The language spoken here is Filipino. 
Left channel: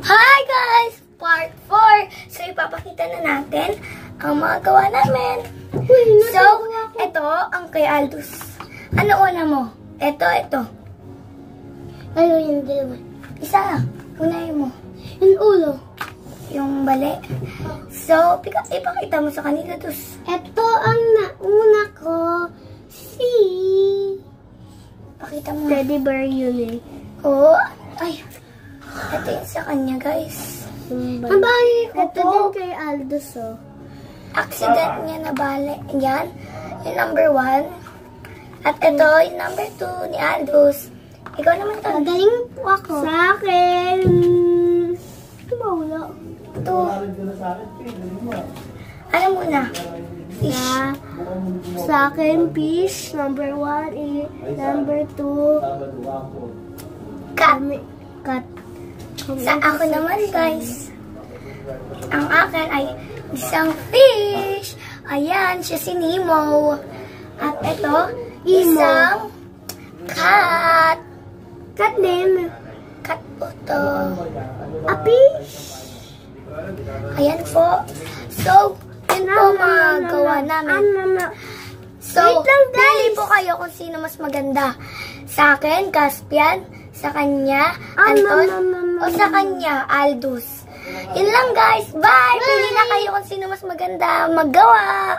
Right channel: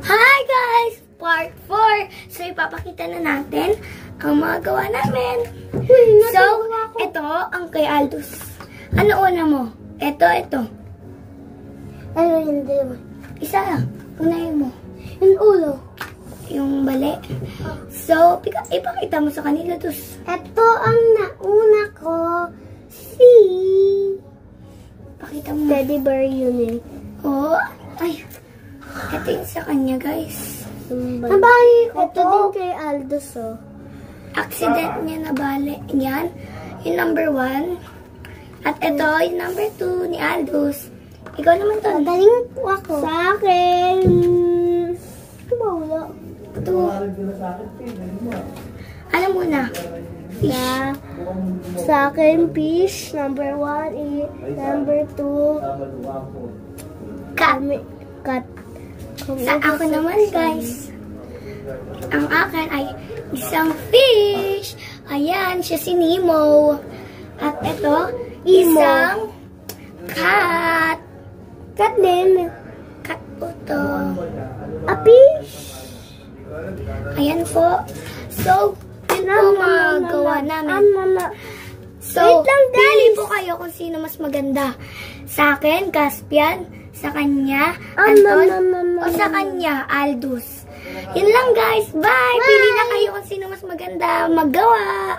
Hi guys! Part 4. So, ipapakita na natin ang mga gawa namin. So, ito ang kay Aldous. Ano una mo? Ito. Ano yung dalawa? Isa lang. Unahin mo. Yung ulo. Yung bali. So, ipakita mo sa kanila, Dus. Ito ang nauna ko. Si Pakita mo. Teddy bear yun eh. Oo. Ay. Ito yung sa kanya, guys. Nabahay ko ito din kay Aldous, oh. Accident niya nabali. Yan. Yung number 1. At ito, yung number 2 ni Aldous. Ikaw naman to. Magaling po ako. Sa akin. Tumawala. 2. Ano muna? Yeah. Sa akin, fish. Number 1. Number 2. Cat. Cat. Sa ako naman, guys. Ang akin ay isang fish. Ayan, siya si Nemo. At ito, isang cat. Cat name. Cat po to. A fish. Ayan po. So, yun po mga gawa namin. So, pili po kayo kung sino mas maganda. Sa akin, Caspian. Sa kanya, Anton. O sa kanya, Aldous. Yun lang guys. Bye! Pili na kayo kung sino mas maganda maggawa.